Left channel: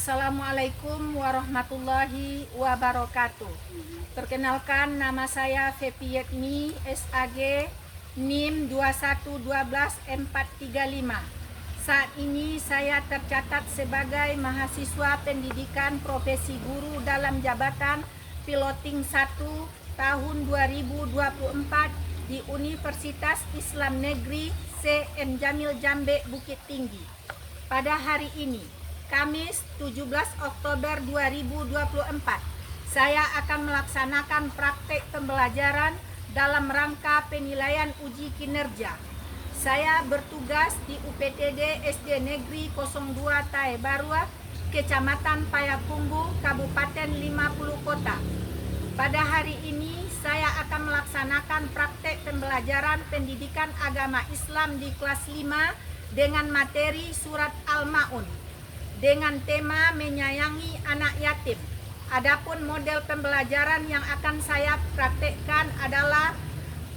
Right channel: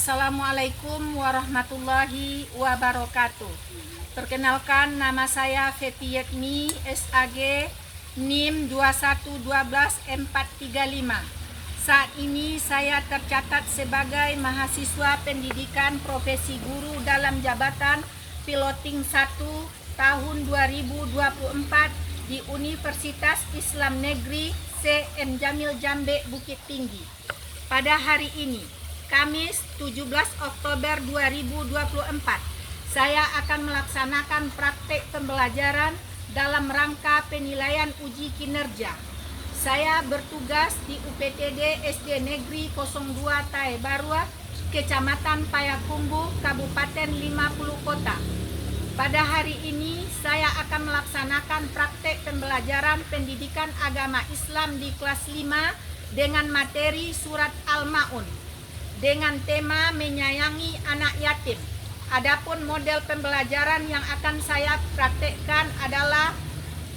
Assalamualaikum warahmatullahi wabarakatuh. Perkenalkan, nama saya Fepi Yetmi, SAG, NIM 2112435. Saat ini saya tercatat sebagai mahasiswa pendidikan profesi guru dalam jabatan Piloting 1 tahun 2024 di Universitas Islam Negeri C.M. Jamil Jambe, Bukit Tinggi. Pada hari ini, Kamis 17 Oktober 2024, saya akan melaksanakan praktek pembelajaran dalam rangka penilaian uji kinerja. Saya bertugas di UPTD SD Negeri 02 Tae Barua, Kecamatan Payakumbuh, Kabupaten 50 Kota. Pada hari ini, saya akan melaksanakan praktek pembelajaran pendidikan agama Islam di kelas 5 dengan materi surat Al-Ma'un dengan tema menyayangi anak yatim. Adapun model pembelajaran yang akan saya praktekkan adalah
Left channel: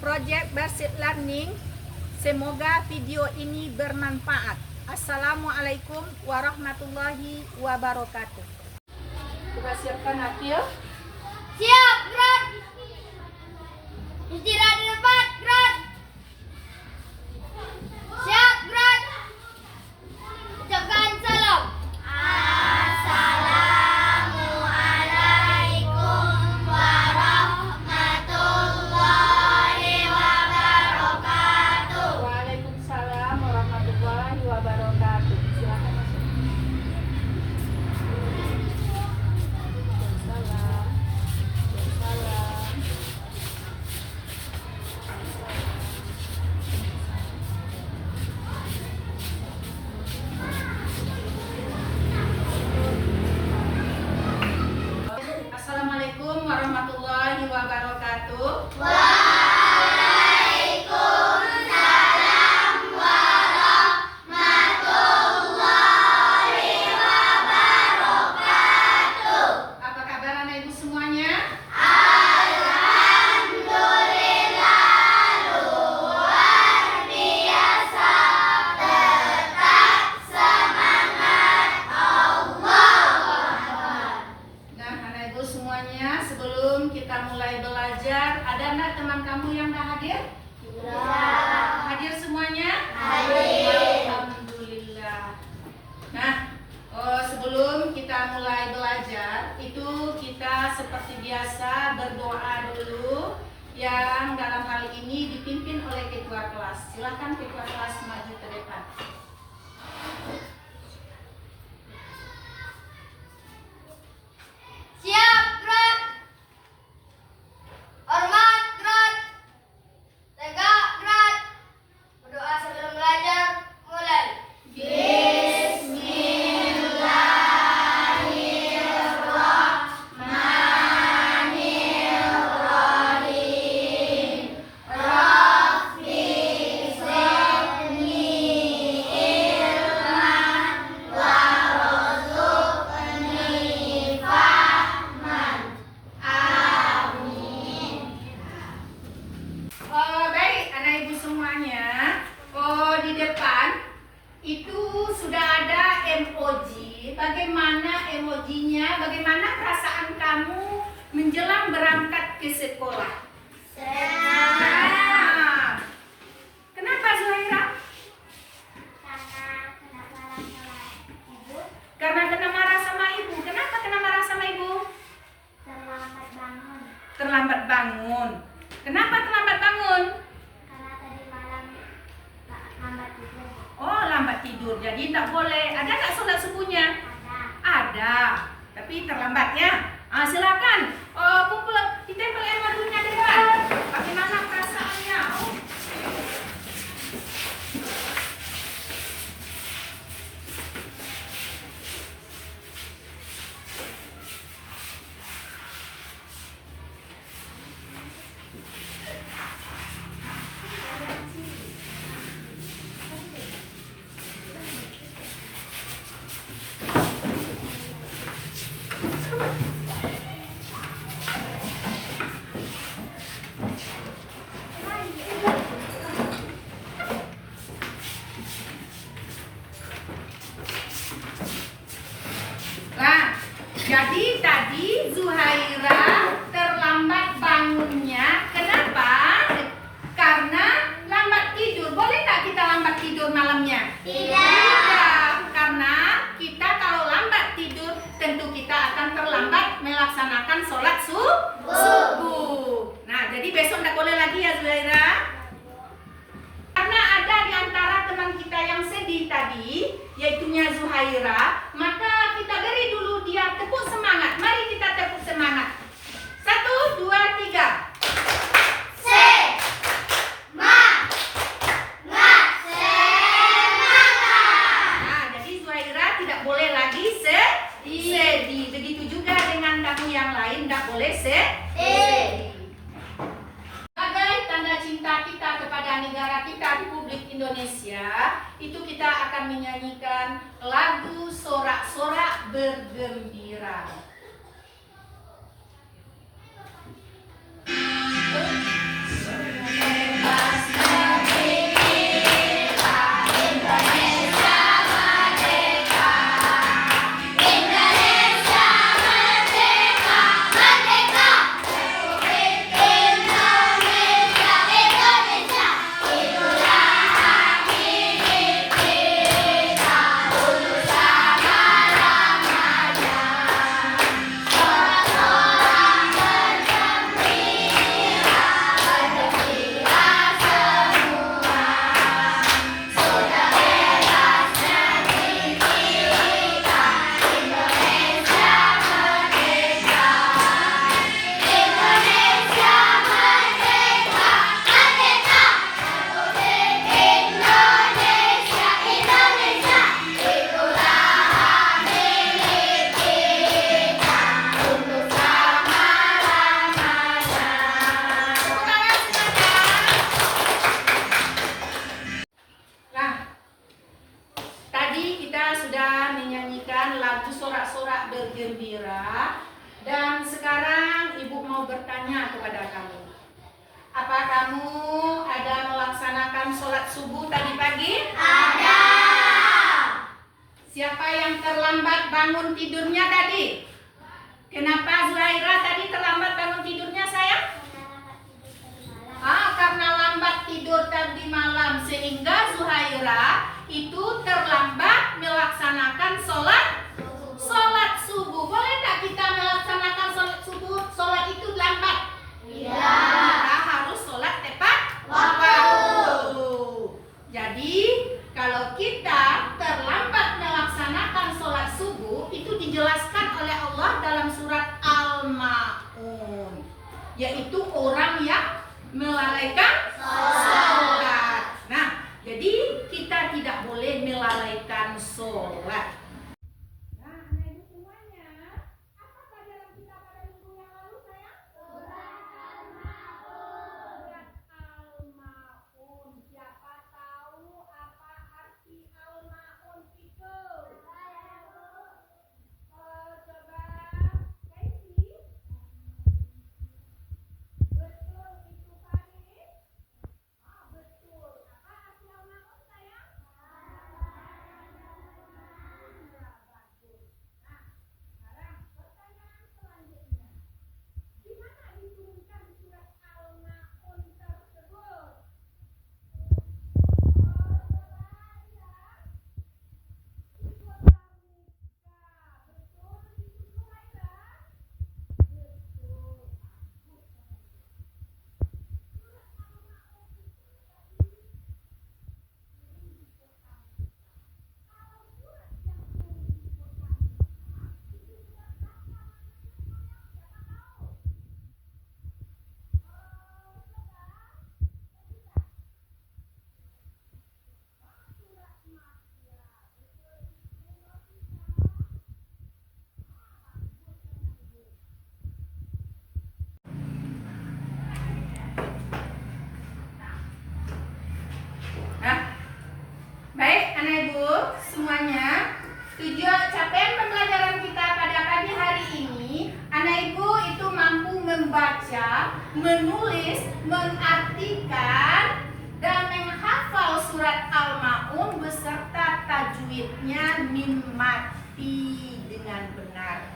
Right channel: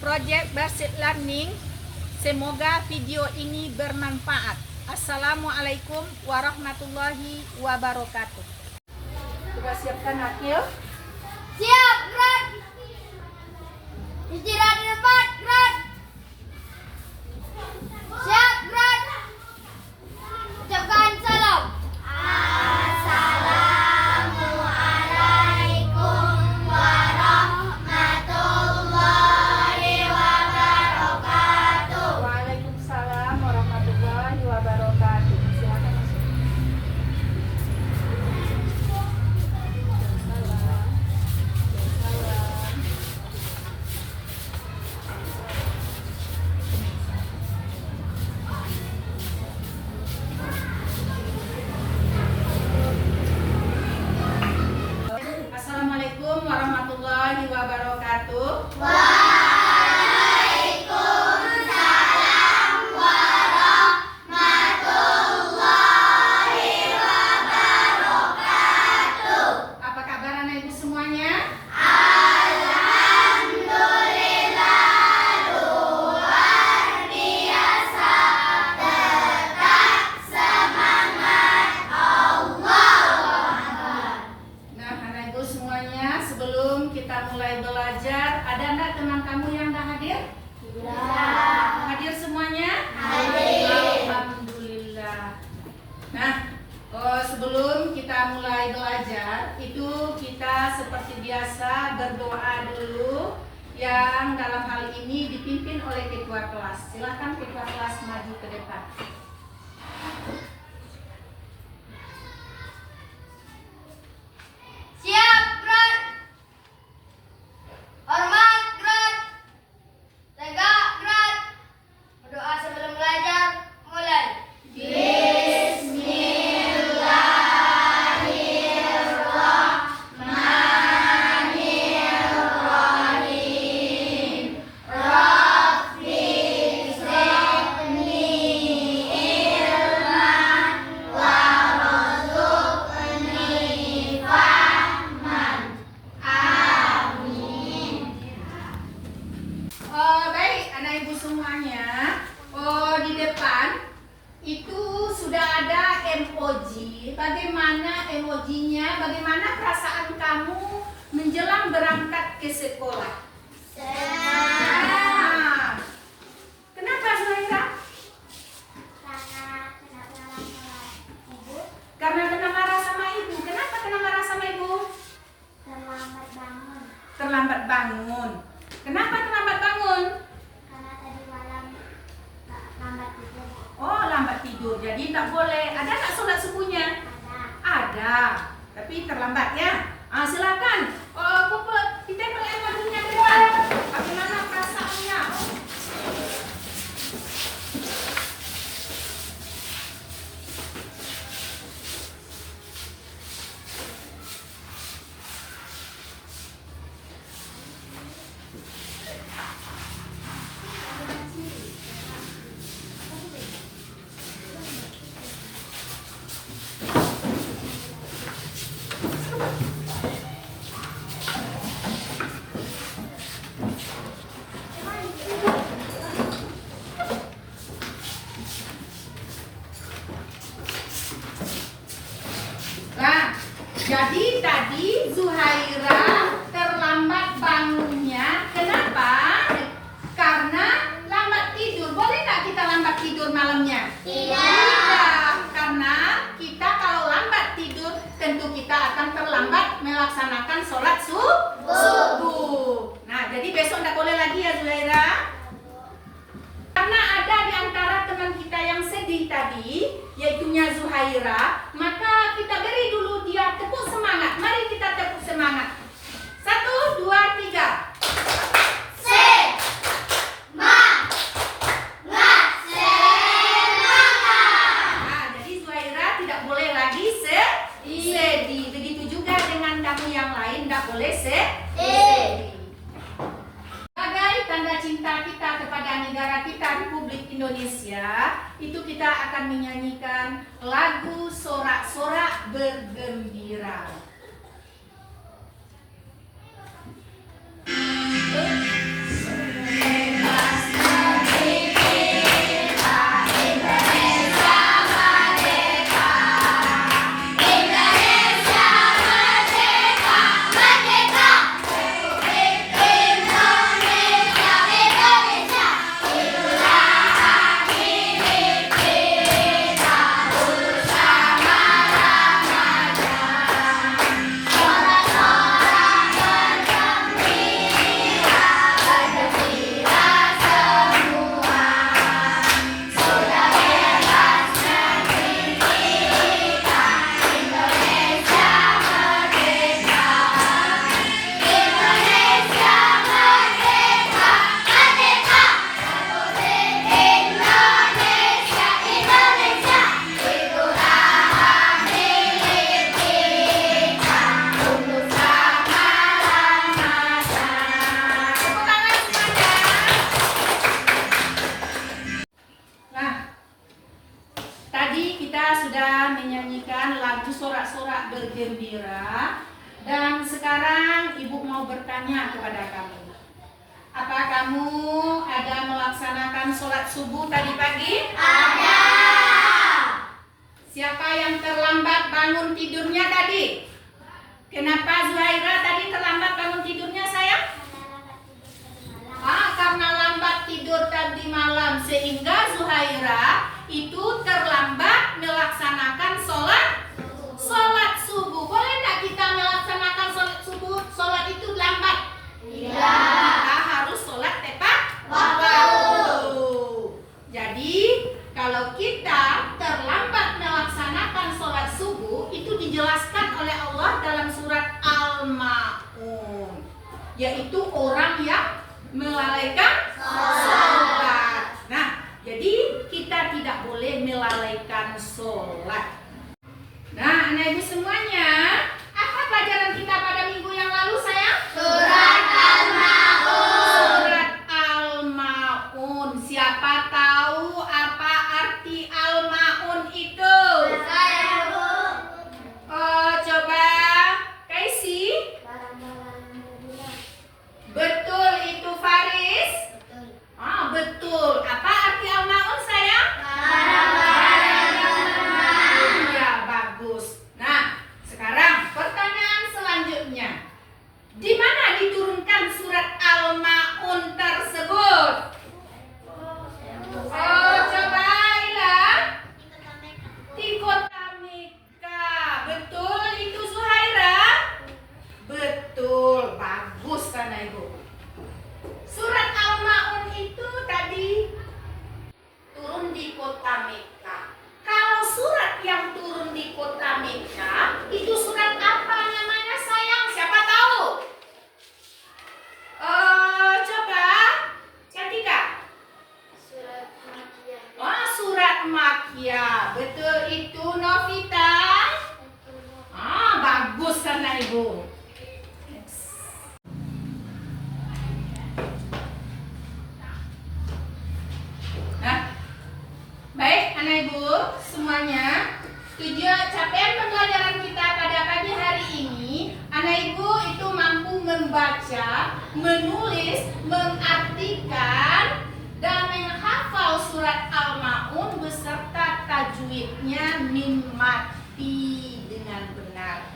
project based learning. Semoga video ini bermanfaat. Assalamualaikum warahmatullahi wabarakatuh. Coba siapkan akil. Siap, gerak. Istirahat di tempat, gerak. Siap, gerak. Ucapkan salam. Assalamualaikum warahmatullahi wabarakatuh. Waalaikumsalam warahmatullahi wabarakatuh. Silakan masuk. Salam. Assalamualaikum warahmatullahi wabarakatuh. Waalaikumsalam warahmatullahi wabarakatuh. Apa kabar anak ibu semuanya? Alhamdulillah, luar biasa. Tetap semangat, Allah. Nah, anak ibu semuanya, sebelum kita mulai belajar, ada enggak teman kamu yang dah hadir? Hadir semuanya? Hadir. Alhamdulillah. Nah, sebelum kita mulai belajar, itu kita seperti biasa berdoa dulu, yang dalam hal ini dipimpin oleh ketua kelas. Silakan ketua kelas maju ke depan. Siap, gerak. Hormat, gerak. Tegak, gerak. Berdoa sebelum belajar, mulai. Bismillahirrahmanirrahim. Rabbi zidni ilman warzuqni fahman. Amin. Baik, anak ibu semuanya. Di depan itu sudah ada emoji. Bagaimana emojinya? Bagaimana perasaan kamu menjelang berangkat ke sekolah? Nah, kenapa Zuhaira? Karena kena marah sama ibu. Kenapa kena marah sama ibu? Terlambat bangun Terlambat bangun. Kenapa terlambat bangun? karena tadi malam lambat tidur. Oh, lambat tidur. Jadi tak boleh. Ada nggak sholat subuhnya? Ada. Tapi terlambat ya. Silakan. Kumpul. Ditempel air madunya di depan. Bagaimana perasaannya? Jadi tadi Zuhaira terlambat bangunnya. Kenapa? Karena lambat tidur. Boleh nggak kita lambat tidur malamnya? Tidak. Karena kita kalau lambat tidur tentu kita akan terlambat melaksanakan sholat subuh. Nah, jadi besok nggak boleh lagi ya Zuhaira. Karena ada di antara teman kita yang sedih tadi, yaitunya Zuhaira, maka kita beri dulu dia tepuk semangat. Mari kita tepuk semangat. 1, 2, 3. Nah, jadi Zuhaira tidak boleh lagi sedih. Begitu juga dengan kamu yang lain, tidak boleh sedih. Sebagai tanda cinta kita kepada negara kita Republik Indonesia, itu kita akan menyanyikan lagu Sorak-Sorak Bergembira. Sudah menyanyikan lagu Sorak-Sorak Bergembira, dan sekarang Ibu mau bertanya kepada kamu. Apa kamu ada melaksanakan sholat subuh tadi pagi? Ada. Siapa yang terlambat bangun tidurnya tadi? Kenapa Zuhaira tadi terlambat bangun tidurnya sayang? Karena lambat tidur tadi malam, sehingga Zuhaira itu terlambat melaksanakan sholat subuh. Boleh nggak kita melaksanakan sholat subuh? Sholat itu lambat? Tidak. Kita harus sholat tepat waktu. Jadi kalau kita terlambat melaksanakan sholat subuh, itu dijelaskan oleh Allah dalam surat Al-Ma'un, yaitu orang yang melalaikan sholat. Nah, jadi kita tidak boleh melalaikan sholat. Nah, anak ibu semuanya, apa pelajaran kita pada minggu yang lalu sayang? Surat Al-Ma'un. Surat Al-Ma'un. Siapa tahu apa arti Al-Ma'un itu? Saya, Bu. Coba Kaisi. Betul itu Faris? Betul. Apa arti Al-Ma'un sayang? Ya, bagus. Nah, sekarang pertanyaan selanjutnya. Di mana diturunkan surat Al-Ma'un tersebut? Coba Ila. Di kota Mekka. Betul itu Zuhaira? Betul. Bagus karena Ibu. Surat Al-Ma'un itu tadi turun di kota Mekka. Kalau surat yang turun di kota Mekka itu surat apa namanya sayang? Siapa tahu? Coba Cantika. Surat Makkiyah. Surat Makkiyah. Betul itu Novita. Bagus karena Ibu. Baik anak ibu semuanya, capaian pembelajaran kita pada pagi hari ini, anak ibu itu mampu membaca, menulis, mengartikan, dan menghafal surat Al-Ma'un beserta tajwidnya mim mati dengan benar.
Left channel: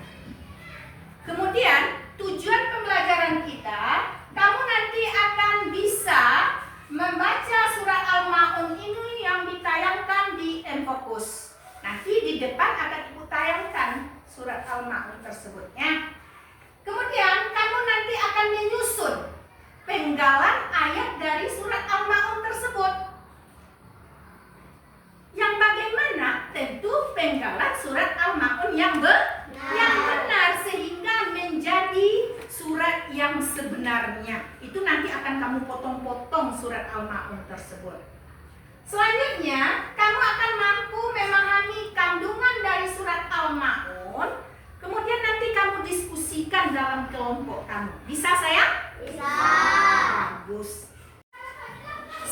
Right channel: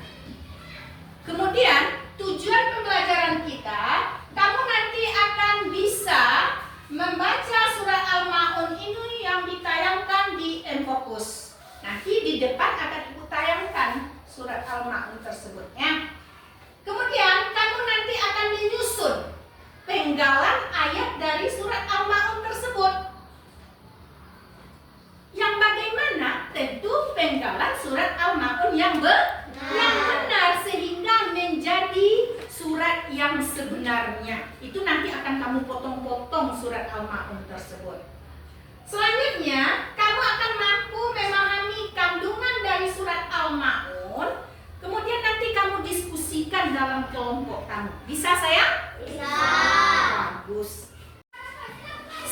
Kemudian tujuan pembelajaran kita, kamu nanti akan bisa membaca surat Al-Ma'un ini yang ditayangkan di Enfocus. Nanti di depan akan ibu tayangkan surat Al-Ma'un tersebut ya. Kemudian kamu nanti akan menyusun penggalan ayat dari surat Al-Ma'un tersebut. Yang bagaimana? Tentu penggalan surat Al-Ma'un yang benar sehingga menjadi surat yang sebenarnya. Itu nanti akan kamu potong-potong surat Al-Ma'un tersebut. Selanjutnya, kamu akan mampu memahami kandungan dari surat Al-Ma'un. Kemudian nanti kamu diskusikan dalam kelompok kamu. Bisa sayang? Bisa. Bagus.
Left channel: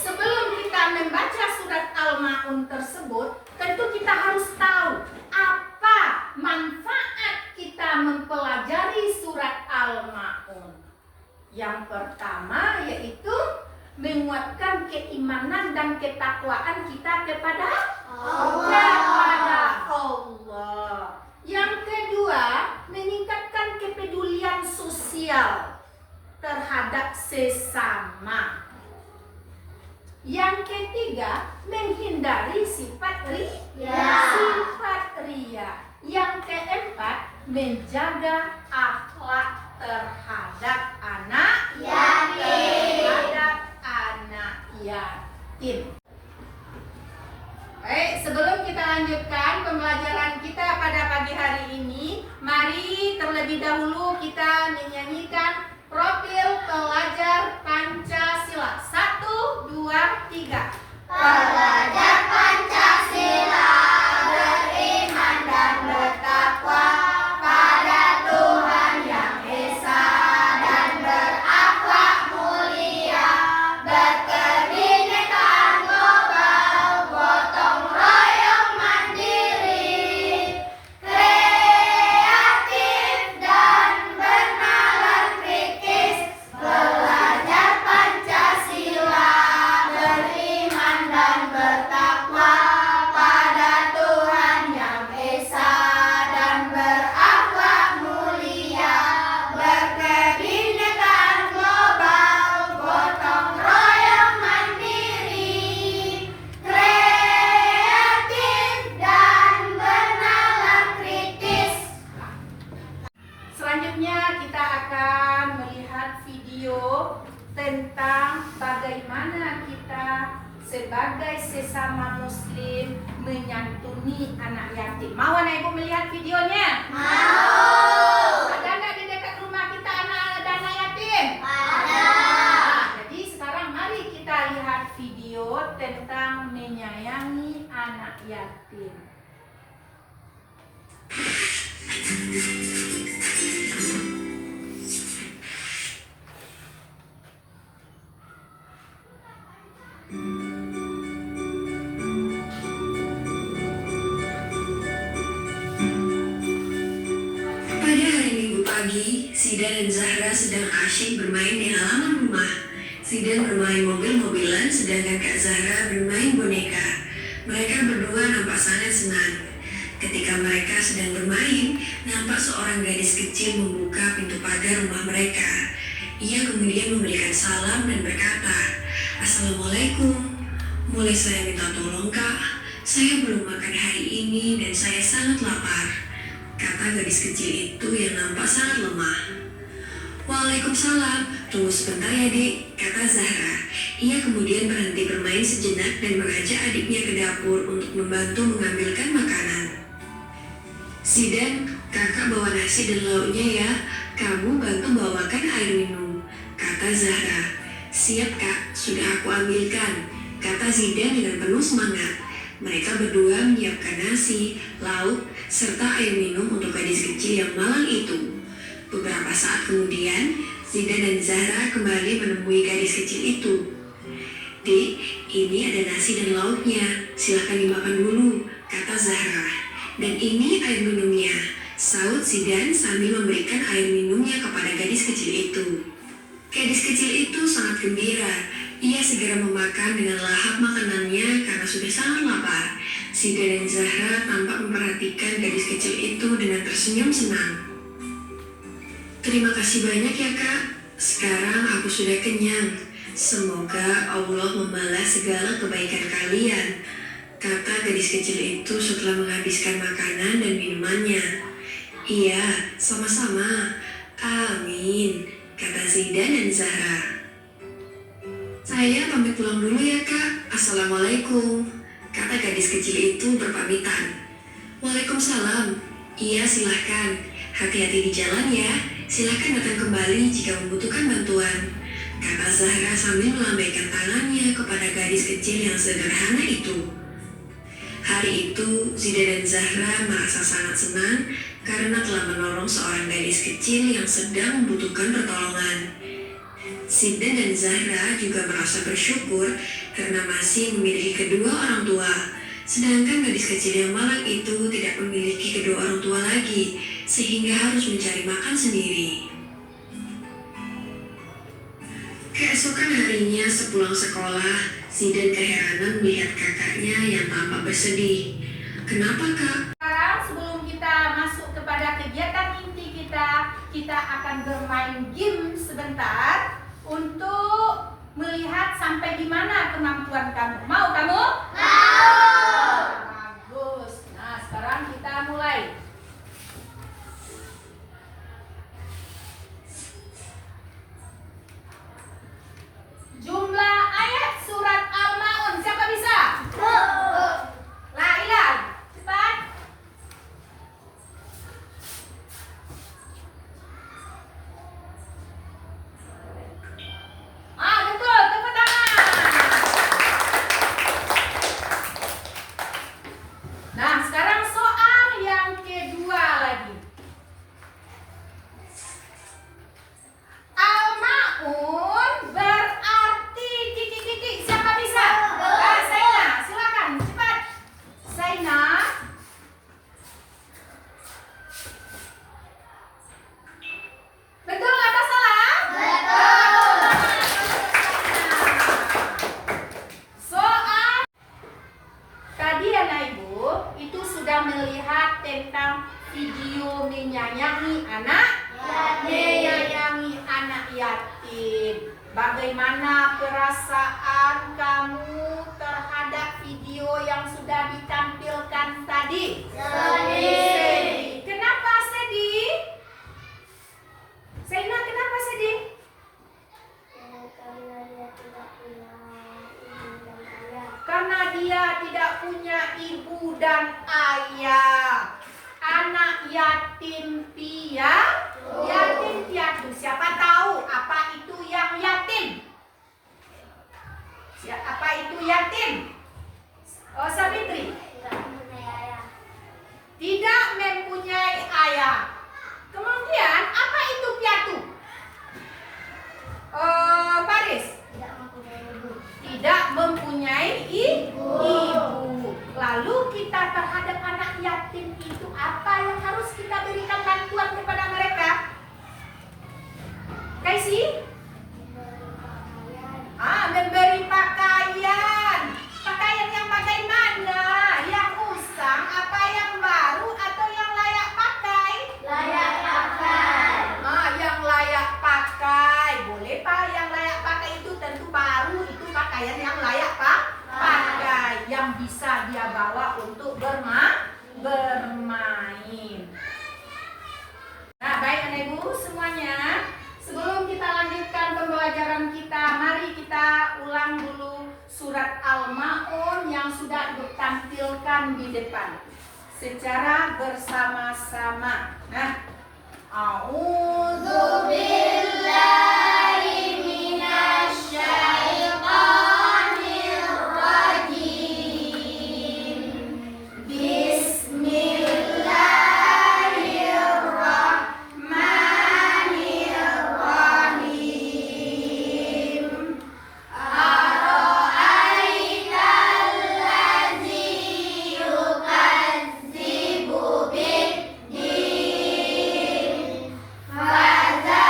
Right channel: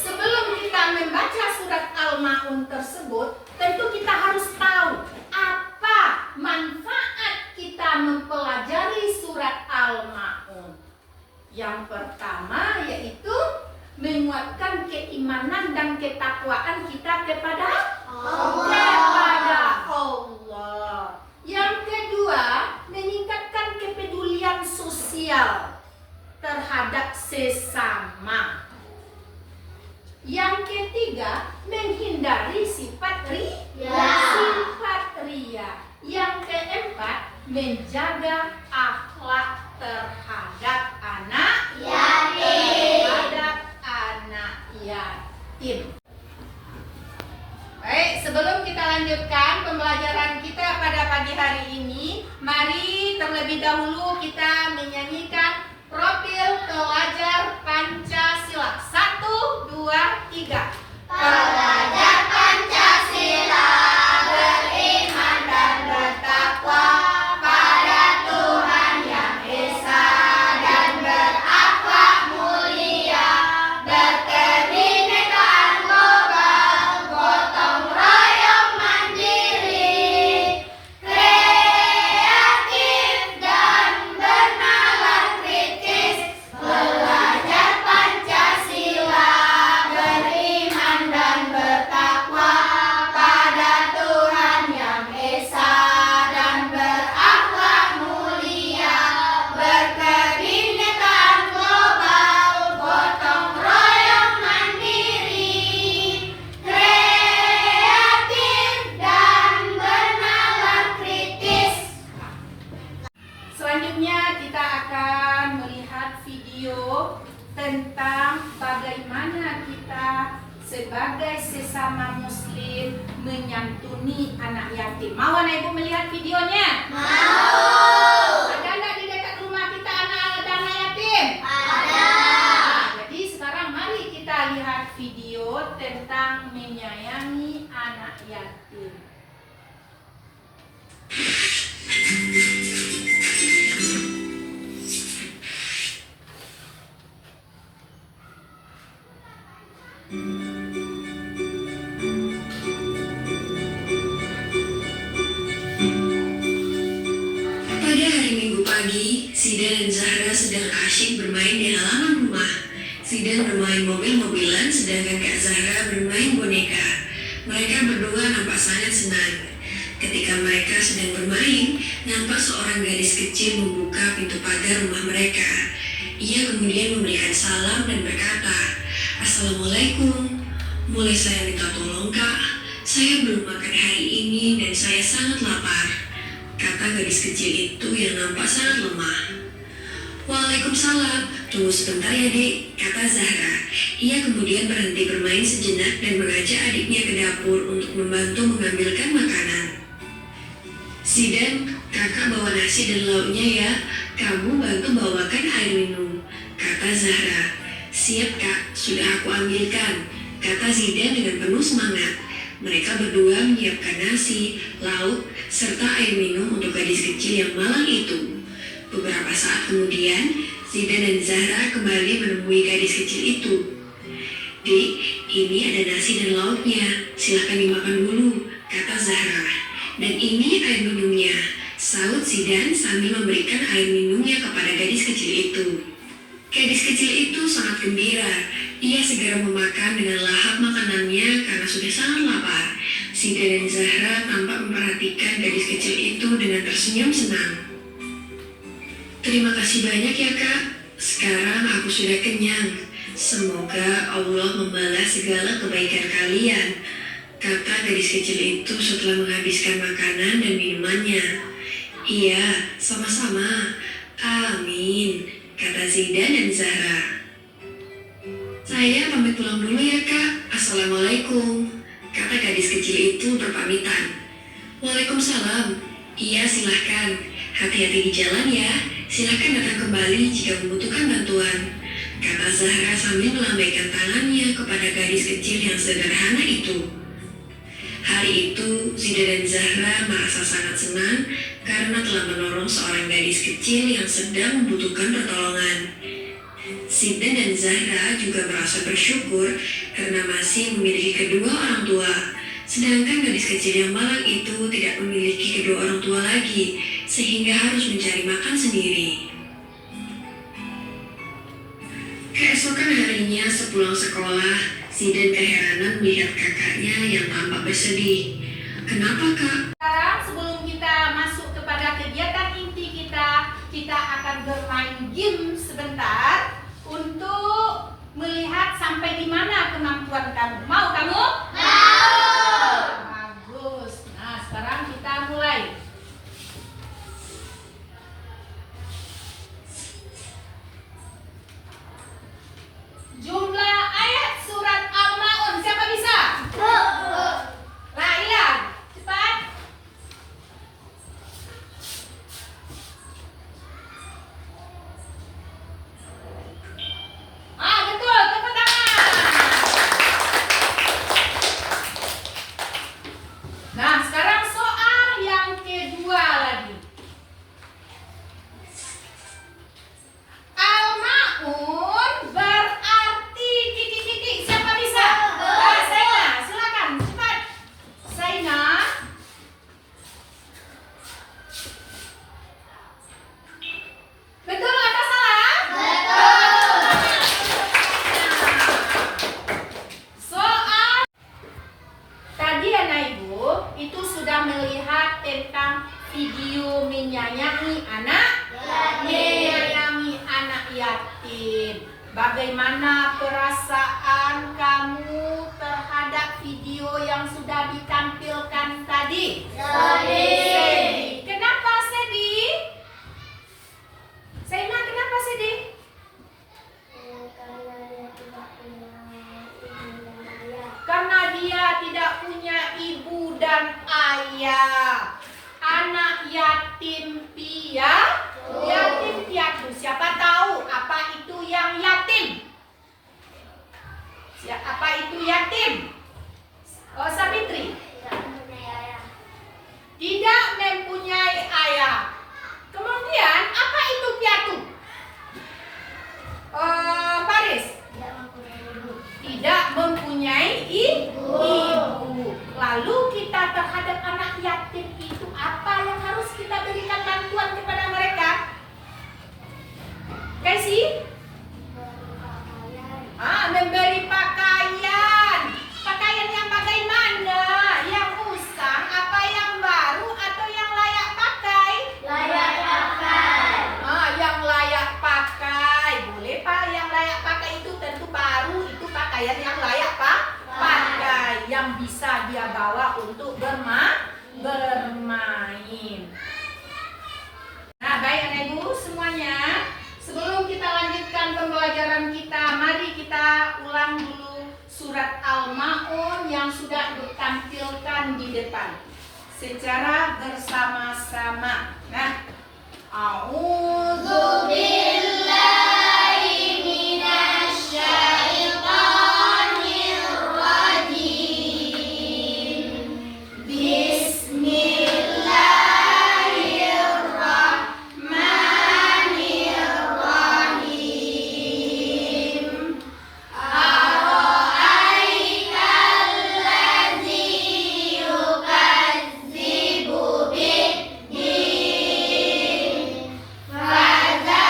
Sebelum kita membaca surat Al-Ma'un tersebut, tentu kita harus tahu apa manfaat kita mempelajari surat Al-Ma'un. Yang pertama yaitu menguatkan keimanan dan ketakwaan kita kepada Allah. Yang kedua, meningkatkan kepedulian sosial terhadap sesama. Yang ketiga, menghindari sifat ria. Yang keempat, menjaga akhlak terhadap anak yatim. Baik, sebelum kita lanjutkan pembelajaran kita pada pagi hari ini, mari terlebih dahulu kita menyanyikan profil pelajar Pancasila. 1, 2, 3. Pelajar Pancasila beriman dan bertakwa pada Tuhan Yang Esa dan berakhlak mulia, berkebinekaan global, gotong royong mandiri, kreatif dan bernalar kritis. Pelajar Pancasila beriman dan bertakwa pada Tuhan Yang Esa dan berakhlak mulia, berkebinekaan global, gotong royong mandiri, kreatif dan bernalar kritis. Selanjutnya kita akan melihat video tentang bagaimana kita sebagai sesama muslim menyantuni anak yatim. Mau anak ibu melihat videonya? Mau. Ada nggak di dekat rumah kita anak yatim? Ada. Jadi sekarang mari kita lihat video tentang menyayangi anak yatim. Pada hari Minggu pagi, Sida dan Zahra sedang asyik bermain di halaman rumah. Sida bermain mobil-mobilan, sedangkan Kak Zahra bermain boneka. Mereka berdua nampak sangat senang. Ketika mereka sedang bermain, nampak seorang gadis kecil membuka pintu pagar rumah mereka. Ia kemudian memberikan salam dan berkata, "Assalamualaikum. Boleh saya minta tolong, Kak? Saya belum makan hari ini dan saya sangat lapar," kata gadis kecil itu yang nampak sangat lemah. "Waalaikumsalam, tunggu sebentar ya Dik," kata Zahra. Ia kemudian berhenti bermain sejenak dan mengajak adiknya ke dapur untuk membantu mengambilkan makanan. "Sidan, kakak bawa nasi dan lauknya ya, kamu bantu bawakan air minum," kata Zahra. "Siap Kak, sudah aku ambilkan," kata Zidan dengan penuh semangat. Mereka berdua menyiapkan nasi, lauk, serta air minum untuk gadis kecil yang malang itu. Beberapa saat kemudian, Zidan dan Zahra kembali menemui gadis kecil itu. "Dik, ini ada nasi dan lauknya, silahkan dimakan dulu," kata Zahra. "Dan ini air minumnya," saut Zidan sambil memberikan air minumnya kepada gadis kecil itu. Gadis kecil itu sangat gembira. Ia segera memakan dengan lahap makanannya karena sudah sangat lapar. Sida dan Zahra tampak memperhatikan gadis kecil itu dengan tersenyum senang. Terima kasih banyak ya Kak. Sekarang aku sudah kenyang. Semoga Allah membalas segala kebaikan kalian, kata gadis kecil itu setelah menghabiskan makanan dan minumannya. Iya, sama-sama. Amin, kata Zidan dan Zahra. Saya pamit pulang dulu ya Kak. Assalamualaikum, kata gadis kecil itu berpamitan. Waalaikumsalam. Iya, silahkan. Hati-hati di jalan ya. Silahkan datang kembali jika membutuhkan bantuan, kata Zahra sambil melambaikan tangannya kepada gadis kecil yang sederhana itu. Hari itu, Zidan dan Zahra merasa sangat senang karena telah menolong seorang gadis kecil yang sedang membutuhkan pertolongan. Zidan dan Zahra juga merasa bersyukur karena masih memiliki kedua orang tua. Sedangkan gadis kecil yang malang itu tidak memiliki kedua orang tua lagi, sehingga harus mencari makan sendiri. Keesokan harinya sepulang sekolah, Zidan keheranan melihat kakaknya yang tampak bersedih. Kenapa Kak? Sekarang sebelum kita masuk kepada kegiatan inti kita akan bermain game sebentar untuk melihat sampai di mana kemampuan kamu. Mau kamu? Bagus. Nah, sekarang kita mulai. Jumlah ayat surat Al-Maun. Siapa bisa? Laila, cepat. Betul, tepuk tangan. Nah, sekarang soal yang kedua lagi. Al-Maun berarti titik-titik. Siapa bisa? Saina, silakan cepat. Saina. Betul atau salah? Soal tadi anak ibu itu sudah melihat tentang video menyayangi anak yatim. Bagaimana perasaan kamu terhadap video yang sudah ditampilkan tadi? Sedih. Kenapa sedih? Saina, kenapa sedih? Karena dia tidak punya ibu dan ayah. Anak yatim piatu. Yatim piatu. Siapa tahu apa itu yang yatim? Apa itu yatim? Oh, Sabitri. Tidak mempunyai ayah. Kemudian apa itu piatu? Paris. Tidak mempunyai ibu. Lalu kita terhadap anak yatim itu apa yang harus kita berikan bantuan kepada mereka? Kasih? Memberi pakaian. Pakaian yang bagaimana? Yang usang, apa yang baru atau yang layak pakai? Yang layak pakai. Boleh Pak, yang layak pakai itu tentu baru, itu pakaian yang layak pakai, yang bisa dia bawa untuk bermain. Nah, baik anak ibu semuanya, sebelum kita lanjutkan pembelajaran kita, mari kita ulang dulu surat Al-Maun yang sudah ditampilkan di depan secara bersama-sama. Nah, A'udzu billahi minasy syaithanir rajim. Bismillahirrahmanirrahim. Ara'aital ladzi yukadzibu bid-din. Fadzalika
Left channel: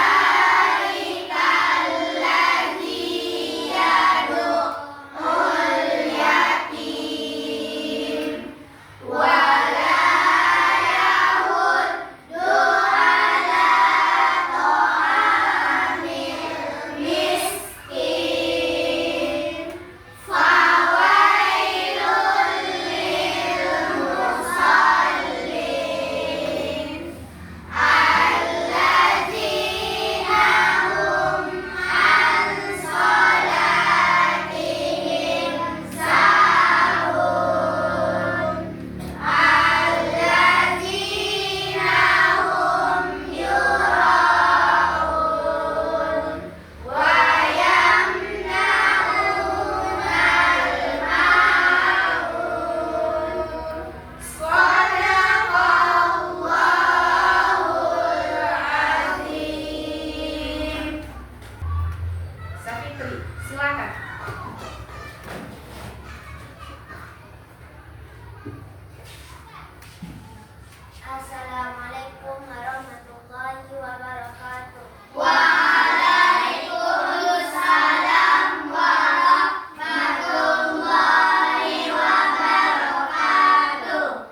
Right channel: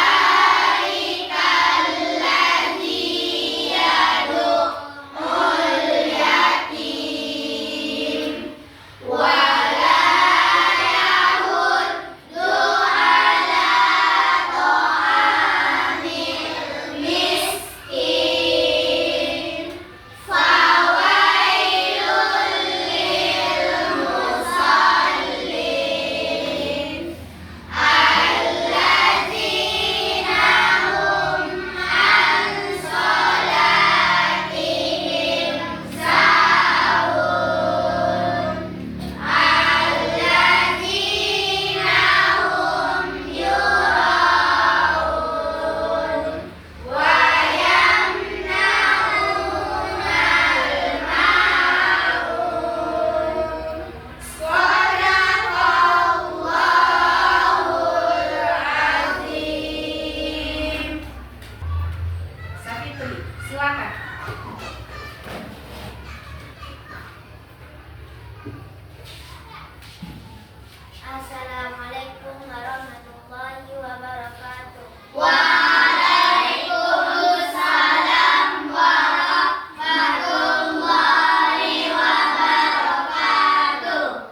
Assalamualaikum warahmatullahi wabarakatuh. Waalaikumsalam warahmatullahi wabarakatuh.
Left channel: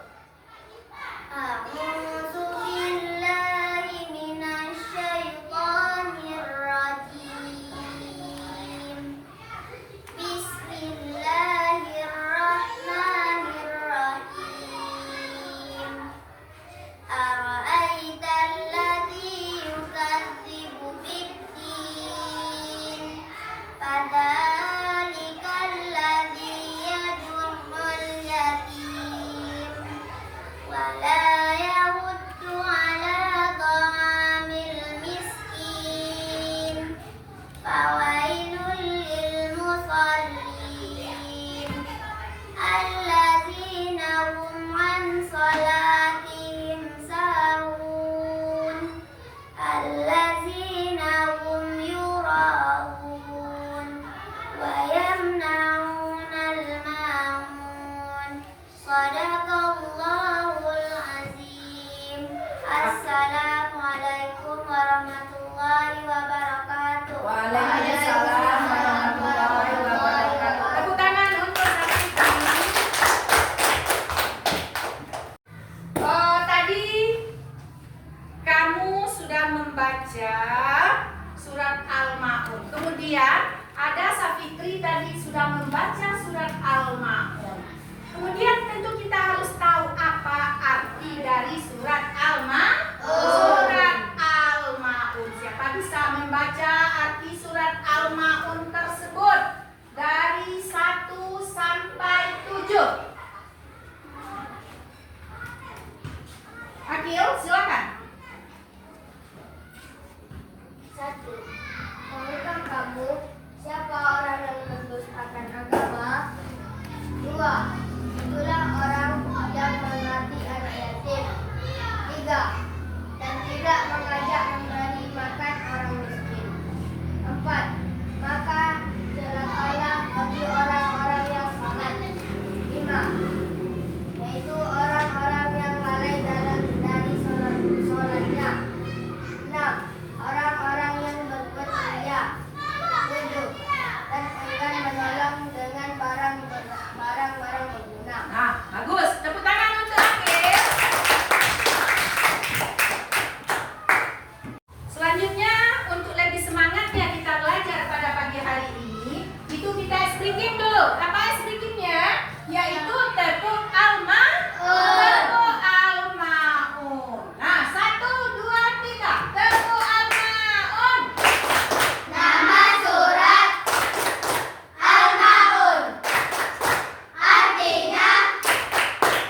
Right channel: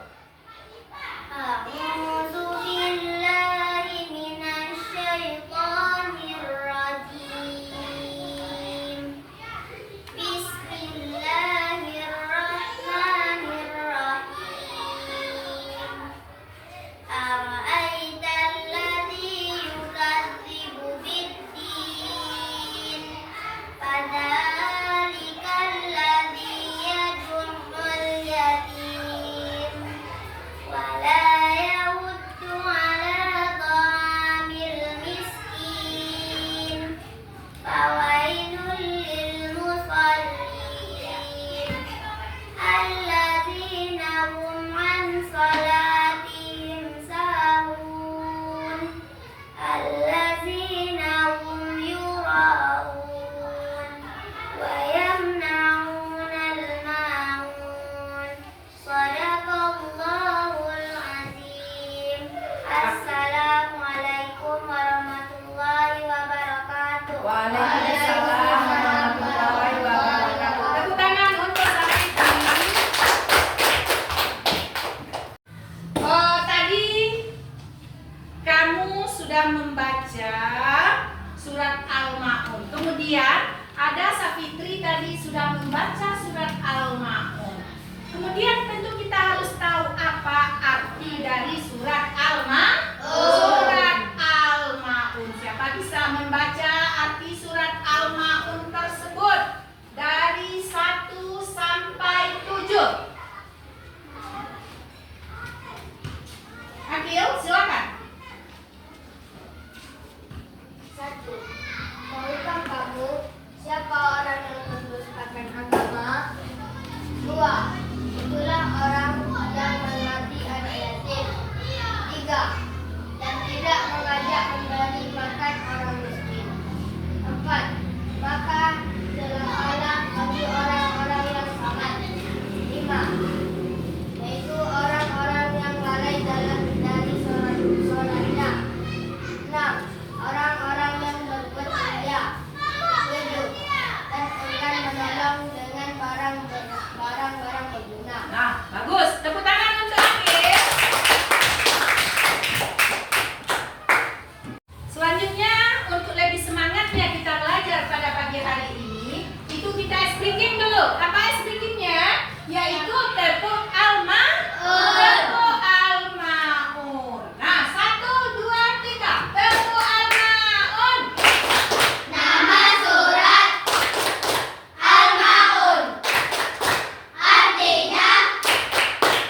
A'udzu billahi minasy syaithanir rajim. Bismillahirrahmanirrahim. Ara'aita alladzi yukadzibu bid-din, fadzalika alladzi yad'ul yatim wa la yahuddu 'ala ta'amil miskin, fawailul lil musallin alladzina hum 'an shalatihim sahun, alladzina hum yura'un wa yamna'unal ma'un. Shadaqallahul azim. Assalamualaikum warahmatullahi wabarakatuh. Waalaikumsalam warahmatullahi wabarakatuh. Tepuk tangan untuk Safitri. Tadi kamu sudah membaca surat Al-Ma'un. Kemudian ada Safitri tadi sudah membaca surat Al-Ma'un. Kemudian tentu kita harus tahu apa arti dari surat Al-Ma'un. Surat Al-Ma'un. Siapa bisa membaca arti surat Al-Ma'un tersebut dari 1 sampai 7? Akil, silakan. 1. Tahukah kamu siapa orang yang mendustakan agama? 2. Itulah orang yang mengabdi anak yatim. 3. Dan tidak mengajak memberi makan orang miskin. 4. Maka celakalah bagi orang-orang yang sangat. 5. Yaitu orang-orang yang lalai dari sholatnya. 6. Orang-orang yang berbuat ria. 7. Dan enggan menolong dengan barang-barang berguna. Nah, bagus. Tepuk tangan untuk Akil. Selanjutnya, untuk lebih semangatnya kita belajar pada pagi hari ini, itu kita speaking dulu. Apa speakingnya? Yaitu tepuk Al-Ma'un. Tepuk Al-Ma'un. Nah, 1, 2, 3. Tepuk Al-Ma'un. Nama surat Al-Ma'un artinya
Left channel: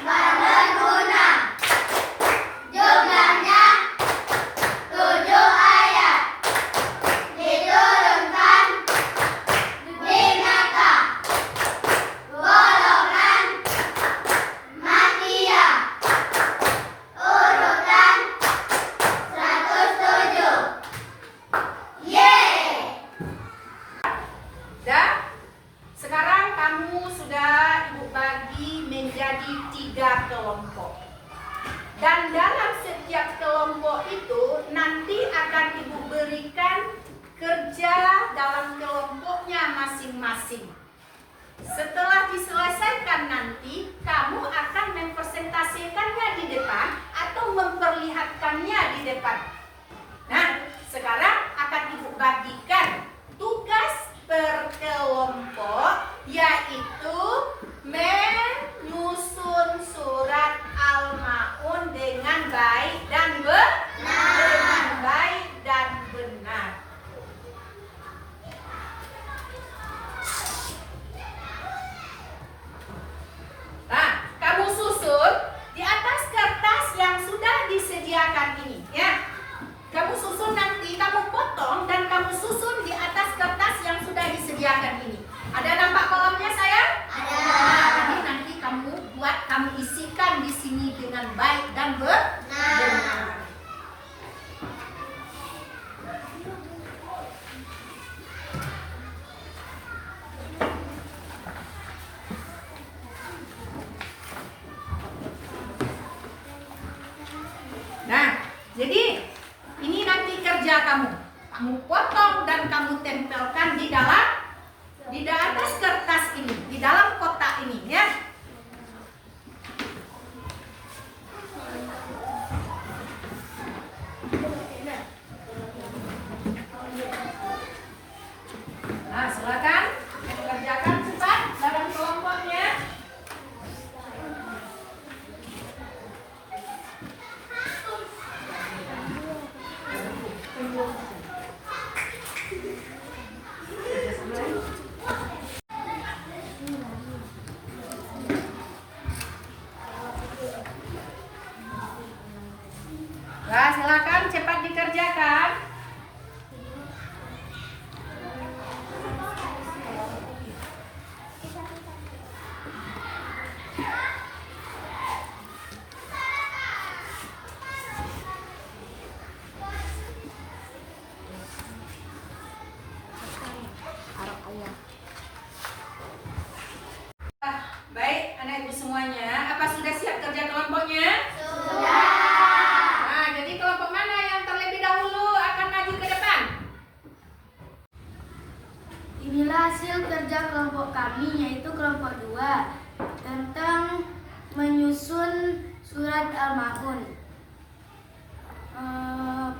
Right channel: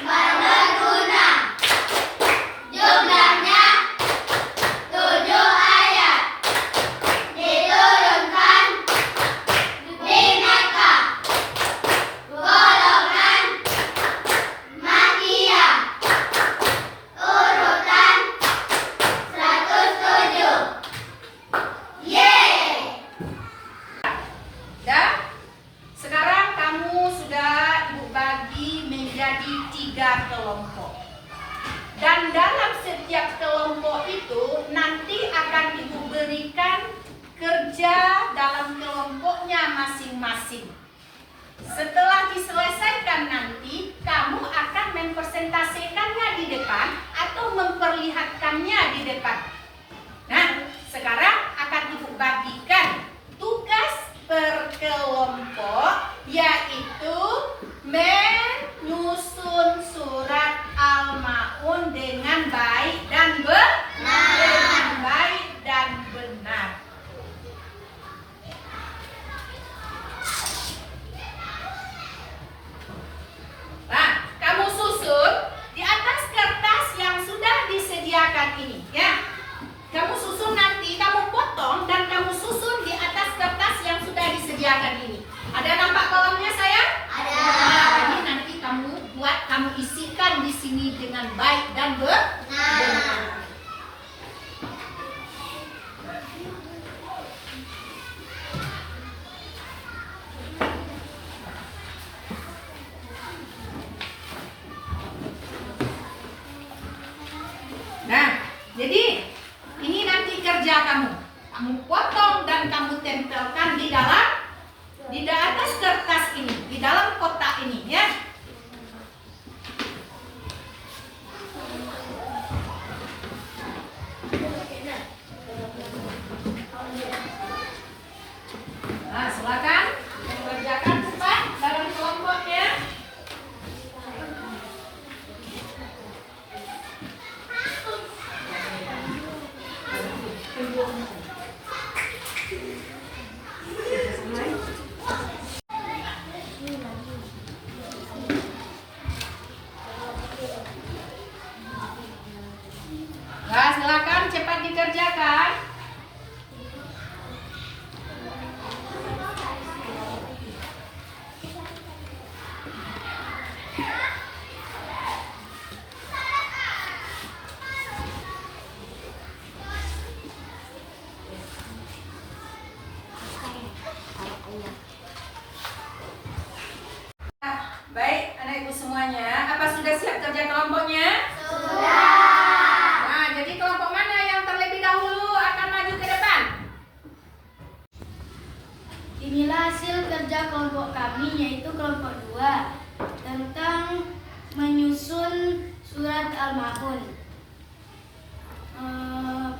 berguna. Jumlahnya 7 ayat. Diturunkan di Mekah. Golongan Makkiyah. Urutan 107. Yeay! Dan sekarang kamu sudah Ibu bagi menjadi 3 kelompok. Dan dalam setiap kelompok itu nanti akan Ibu berikan kerja dalam kelompoknya masing-masing. Setelah diselesaikan nanti, kamu akan mempresentasikannya di depan atau memperlihatkannya di depan. Nah, sekarang akan Ibu bagikan tugas per kelompok, yaitu menyusun surat Al-Ma'un dengan baik dan benar. Dengan baik dan benar. Nah, kamu susun di atas kertas yang sudah disediakan ini, ya. Kamu susun nanti, kamu potong dan kamu susun di atas kertas yang sudah disediakan ini. Ada nampak kolamnya sayang? Ada. Nah, ini nanti kamu buat, kamu isikan di sini dengan baik dan benar. Jadi ini nanti kerja kamu. Kamu potong dan kamu tempelkan di atas kertas ini, di dalam kotak ini ya. Nah, silakan mengerjakan cepat dalam kelompoknya. Nah, silakan cepat dikerjakan. Baik, anak ibu semuanya, apa sudah siap kerja kelompoknya? Sudah. Nah, jadi kelompok mana yang terlebih dahulu akan maju ke depan? Inilah hasil kerja kelompok kami, yaitu kelompok 2 tentang menyusun surat Al-Ma'un.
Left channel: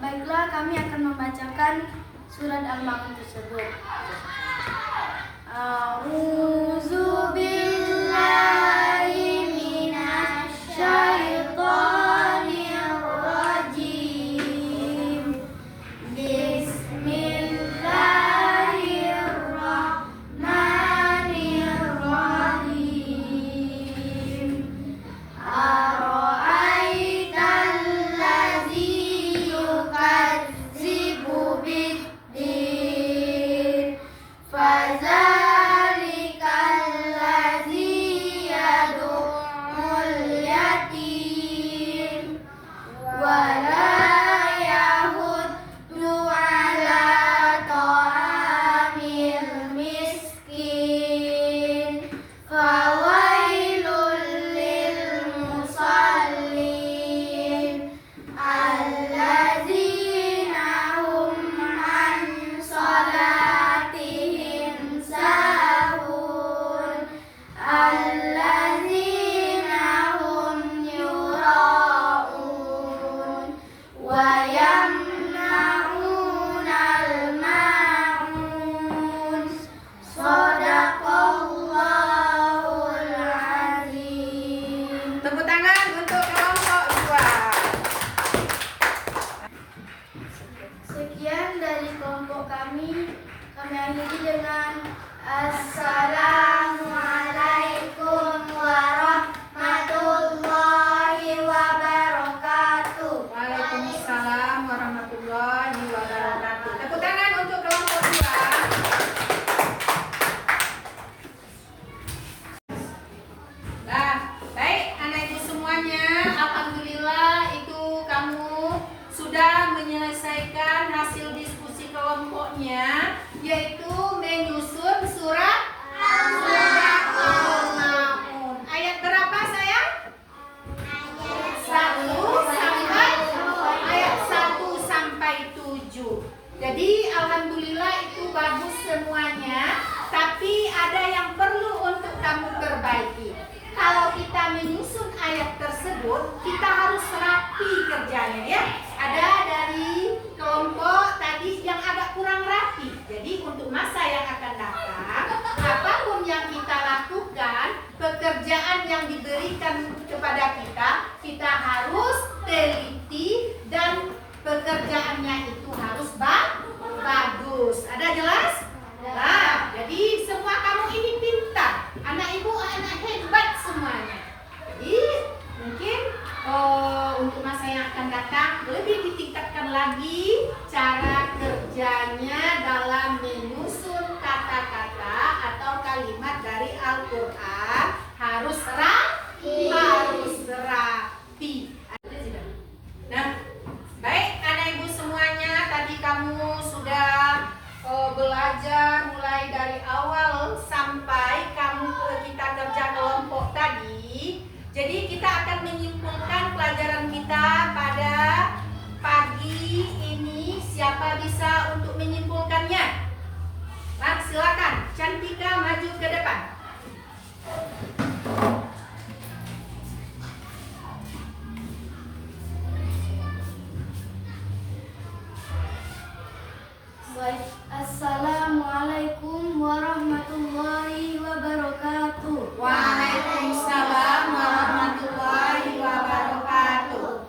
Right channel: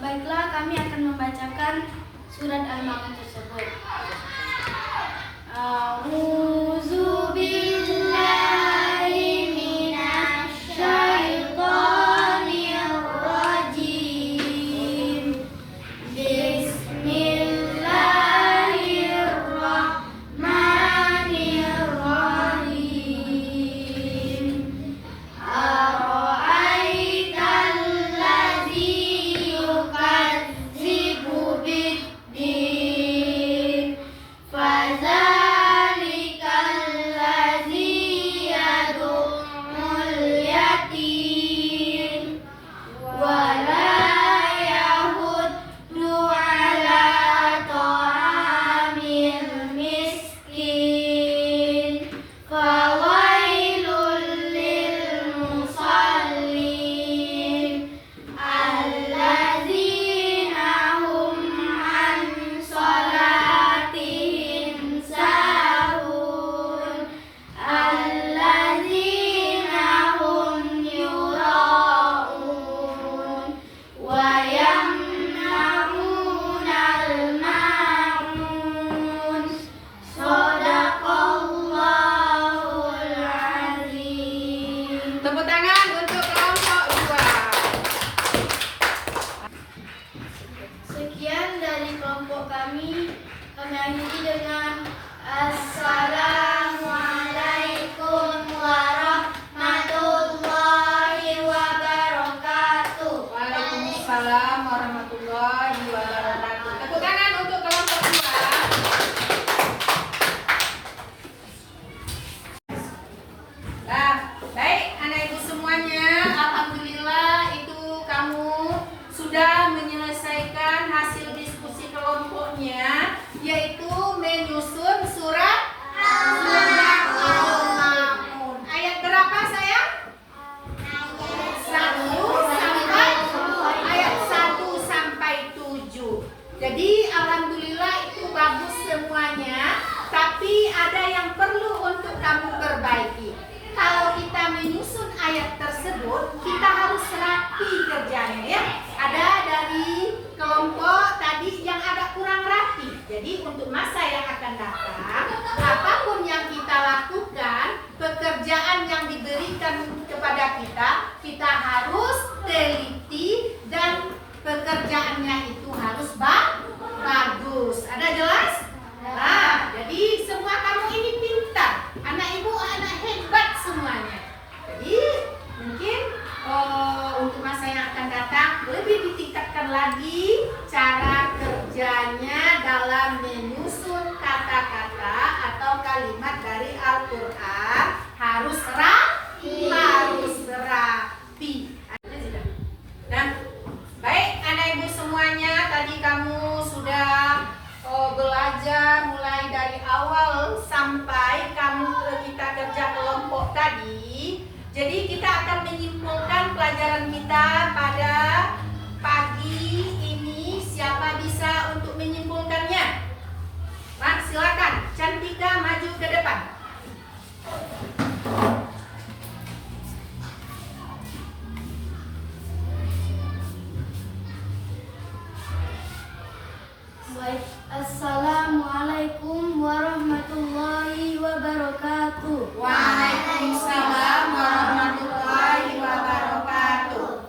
Baiklah, kami akan membacakan surat Al-Ma'un tersebut. A'udzu billahi minasy syaithanir rajim. Bismillahirrahmanirrahim. Ara'aital ladzi yukadzibu bid-din. Fadzalikal ladzi yad'ul yatim wa la yahuddu ala ta'amil miskin. Fawailul lil musallin alladzina hum an salatihim sahun alladzina hum yura'un wa yamna'unal ma'un. Shadaqallahul azim. Tepuk tangan untuk kelompok 2. Sekian dari kelompok kami. Kami akhiri dengan Assalamualaikum warahmatullahi wabarakatuh. Waalaikumsalam warahmatullahi wabarakatuh. Tepuk tangan untuk kelompok 2. Nah, baik anak ibu semuanya, alhamdulillah itu kamu sudah menyelesaikan hasil diskusi kelompoknya, yaitu menyusun surat Al-Ma'un. Ayat berapa sayang? 1 sampai 7. Jadi alhamdulillah itu bagus semuanya, tapi ada yang perlu untuk kamu perbaiki. Kalau kita menyusun ayat tersebut, kita harus rapi kerjanya ya. Ada dari kelompok tadi yang agak kurang rapi. Jadi untuk masa yang akan datang, apapun yang kita lakukan, pekerjaan yang diberikan kepada kita, kita harus teliti dan pekerjaannya itu harus bagus. Ada jelas? Nah, jadi semua kamu ini pintar. Anak ibu, anak hebat semuanya. Jadi mungkin untuk masa yang akan datang lebih ditingkatkan lagi cara kerjanya dalam menyusun kata-kata atau kalimat dari Al-Quran harus rapi. Nah, baik anak ibu semuanya, tadi kamu sudah belajar mulai dari awal sampai kita kerja kelompok tadi. Jadi kita akan menyimpulkan pelajaran kita pada Cantika maju ke depan. Baik, Assalamualaikum warahmatullahi wabarakatuh. Waalaikumsalam warahmatullahi wabarakatuh.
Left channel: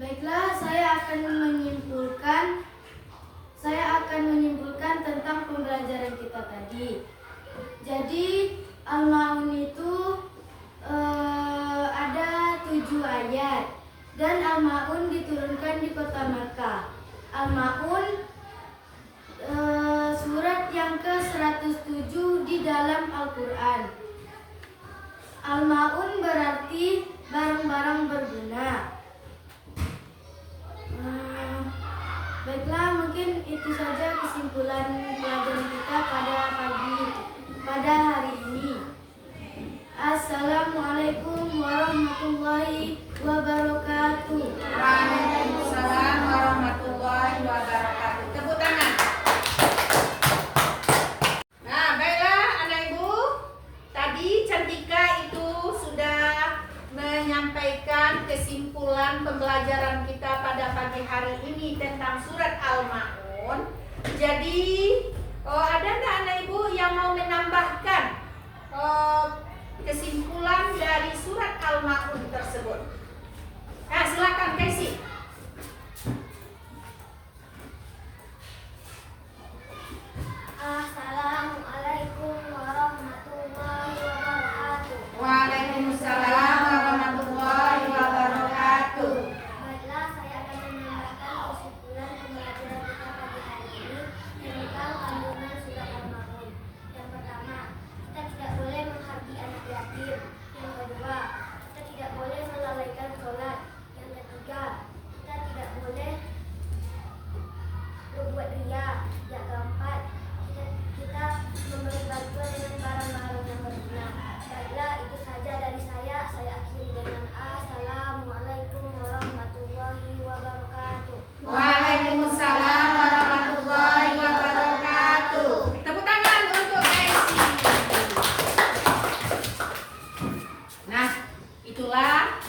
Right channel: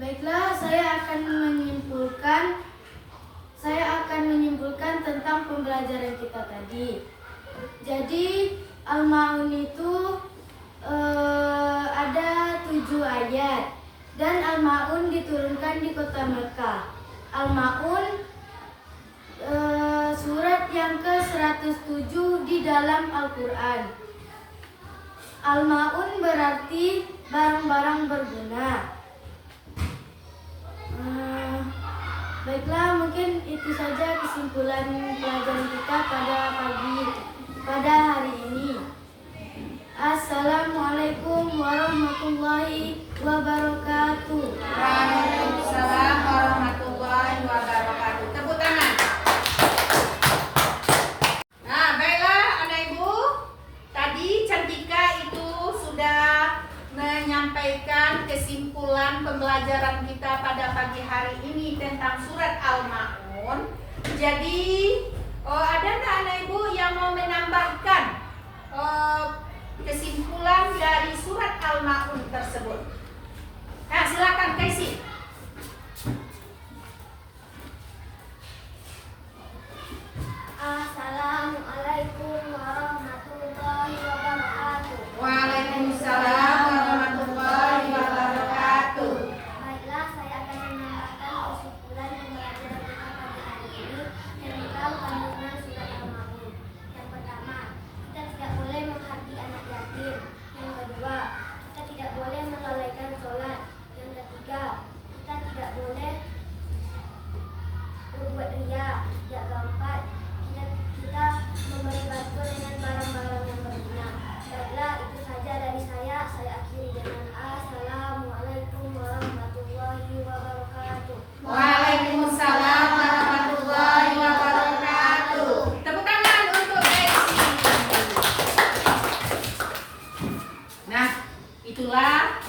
Baiklah, saya akan menyimpulkan tentang pembelajaran kita tadi. Jadi Al-Ma'un itu ada 7 ayat dan Al-Ma'un diturunkan di kota Mekah. Al-Ma'un surat yang ke-107 di dalam Al-Quran. Al-Ma'un berarti barang-barang berguna. Baiklah, mungkin itu saja kesimpulan pelajaran kita pada hari ini. Assalamualaikum warahmatullahi wabarakatuh. Waalaikumsalam warahmatullahi wabarakatuh. Tepuk tangan. Nah, baiklah anak ibu. Tadi Cantika itu sudah menyampaikan kesimpulan pembelajaran kita pada pagi hari ini tentang surat Al-Ma'un. Jadi, ada enggak anak ibu yang mau menambahkan kesimpulan dari surat Al-Ma'un tersebut? Nah, silakan Casey. Assalamualaikum warahmatullahi wabarakatuh. Waalaikumsalam warahmatullahi wabarakatuh. Baiklah, saya akan menambahkan kesimpulan pembelajaran kita pagi hari ini tentang kandungan surat Al-Ma'un. Yang pertama, kita tidak boleh menghardi anak yatim. Yang kedua, kita tidak boleh melalaikan sholat. Yang ketiga, kita tidak boleh berbuat ria. Yang keempat, kita memberi bantuan dengan barang-barang yang berguna. Baiklah, itu saja dari saya. Saya akhiri dengan Assalamualaikum warahmatullahi wabarakatuh. Waalaikumsalam warahmatullahi wabarakatuh. Tepuk tangan untuk Casey. Nah, itulah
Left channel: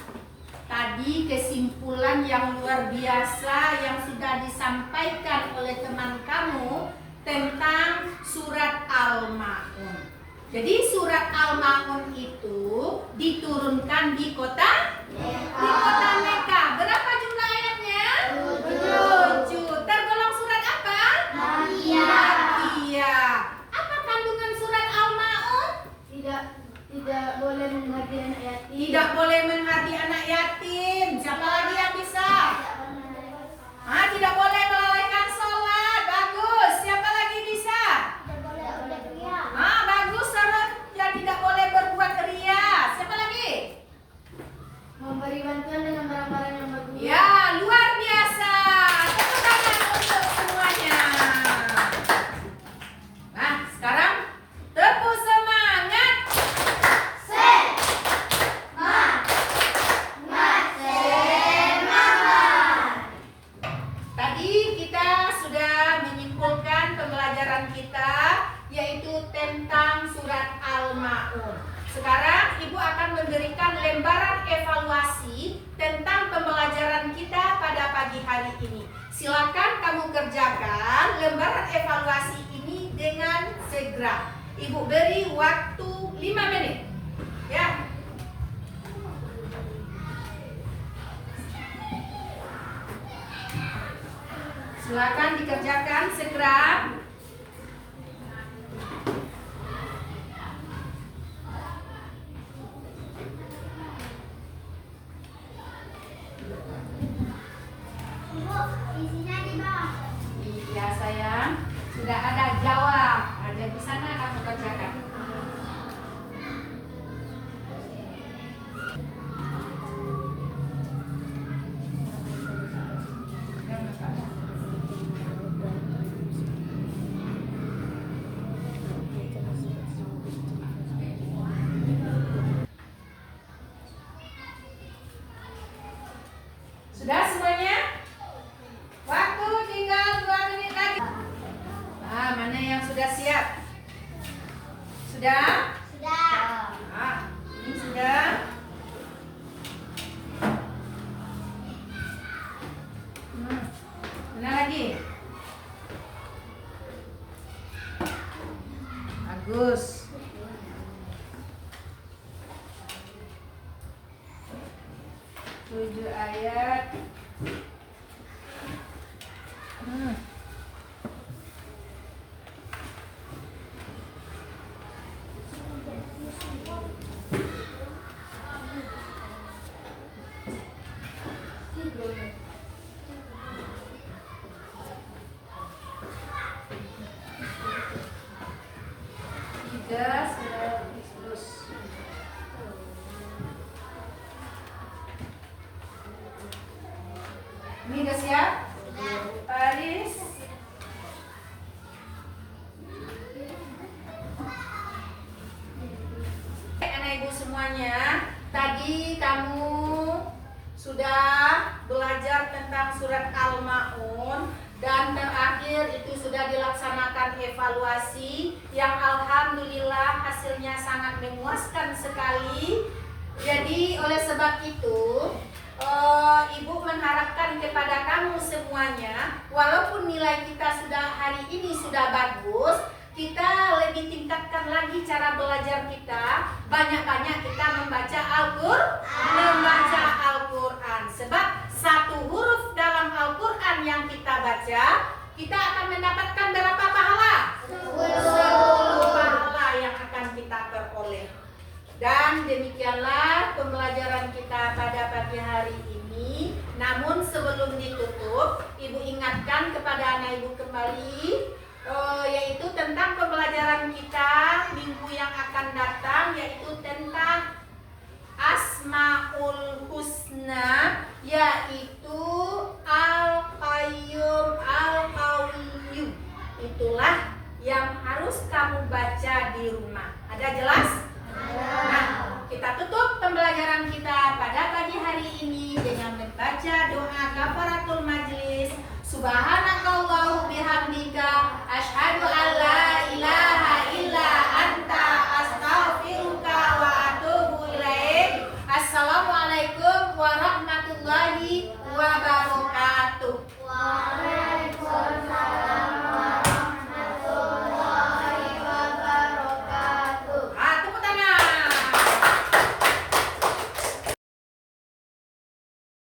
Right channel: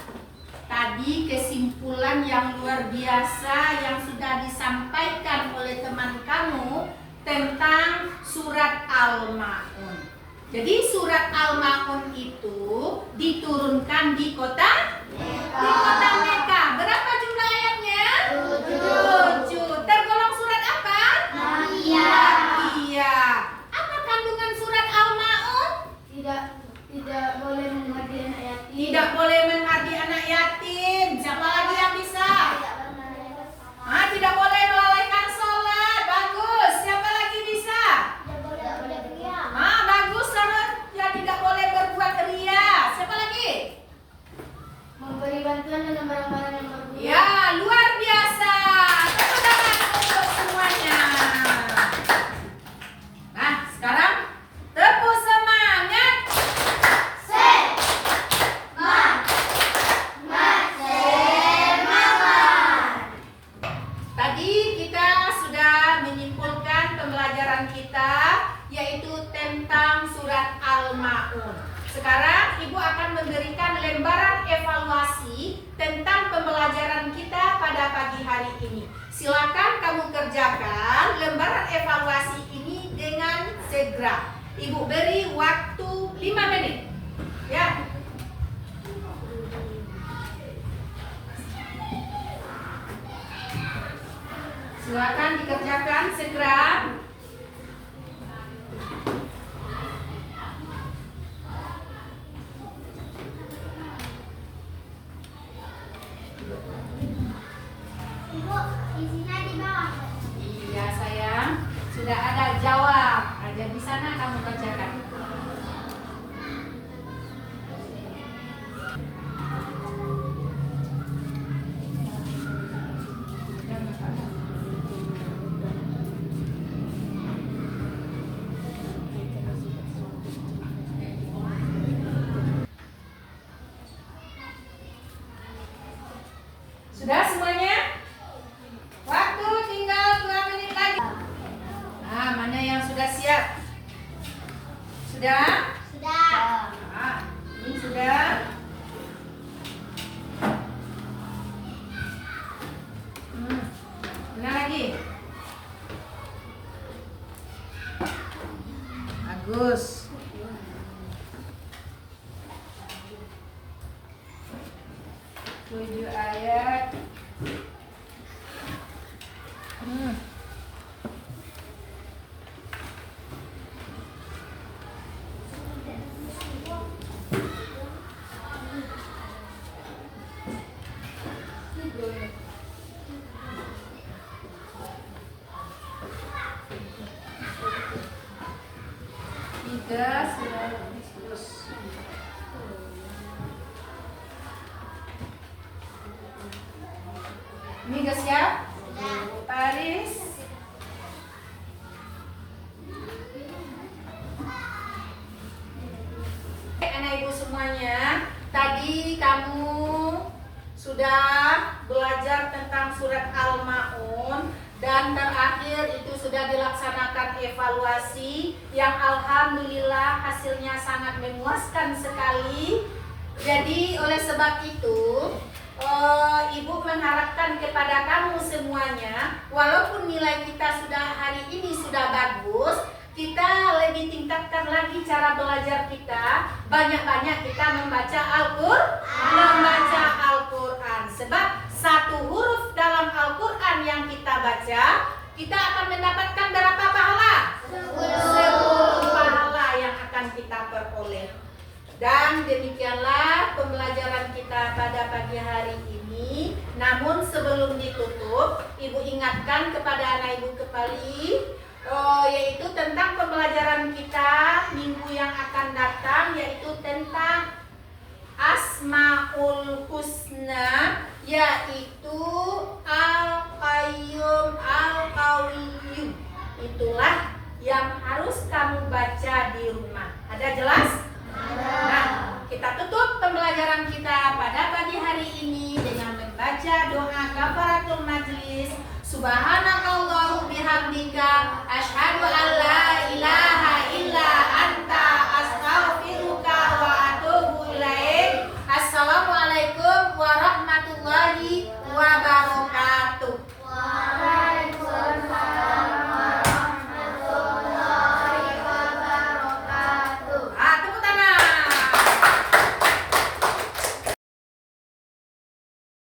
tadi kesimpulan yang luar biasa yang sudah disampaikan oleh teman kamu tentang surat Al-Ma'un. Jadi surat Al-Ma'un itu diturunkan di kota Mekah. Berapa jumlah ayatnya? 7. Tergolong surat apa? Makiyah. Apa kandungan surat Al-Ma'un? Tidak boleh menghardi anak yatim. Tidak boleh menghardi anak yatim. Siapa lagi yang bisa? Tidak boleh melalaikan sholat. Bagus. Siapa lagi bisa? Bagus. Ya, tidak boleh berbuat ria. Siapa lagi? Memberi bantuan dengan barang-barang yang berguna. Ya, luar biasa. Tepuk tangan untuk semuanya. Nah, sekarang tepuk semangat. Tadi kita sudah menyimpulkan pembelajaran kita yaitu tentang surat Al-Ma'un. Sekarang Ibu akan memberikan lembaran evaluasi tentang pembelajaran kita pada pagi hari ini. Silakan kamu kerjakan lembaran evaluasi ini dengan segera. Ibu beri waktu 5 menit. Ya. Silakan dikerjakan segera. Ibu, isinya di bawah. Iya sayang, sudah ada jawab. Ada di sana kamu kerjakan. Sudah semuanya? Waktu tinggal 2 menit lagi. Nah, mana yang sudah siap? Sudah? Sudah. Nah, ini sudah. Mana lagi? Bagus. Tujuh ayat. Tiga sudah terus. Ini udah siap? Paris. Anak ibu semuanya, tadi kamu sudah belajar tentang surat Al-Maun dan terakhir itu sudah dilaksanakan evaluasi yang alhamdulillah hasilnya sangat memuaskan sekali. Jadi oleh sebab itu ibu mengharapkan kepada kamu semuanya, walaupun nilai kita sudah hari ini sudah bagus, kita lebih tingkatkan lagi cara belajar kita. Banyak-banyak kita membaca Al-Quran. Sebab satu huruf dalam Al-Quran yang kita baca, kita akan mendapatkan berapa pahala? 10 pahala yang akan kita peroleh. Dan demikianlah pembelajaran kita pada pagi hari ini. Namun sebelum ditutup, ibu ingatkan kepada anak ibu kembali, yaitu tentang pembelajaran kita minggu yang akan datang, yaitu tentang Asmaul Husna, yaitu Al-Qayyum, Al-Qawiyyum. Itulah yang harus kamu baca di rumah. Ada jelas? Nah, kita tutup pembelajaran kita pada pagi hari ini dengan membaca doa kafaratul majlis. Subhanakallahu bihamdika asyhadu an la ilaha illa anta astaghfiruka wa atubu ilaik. Assalamualaikum warahmatullahi wabarakatuh.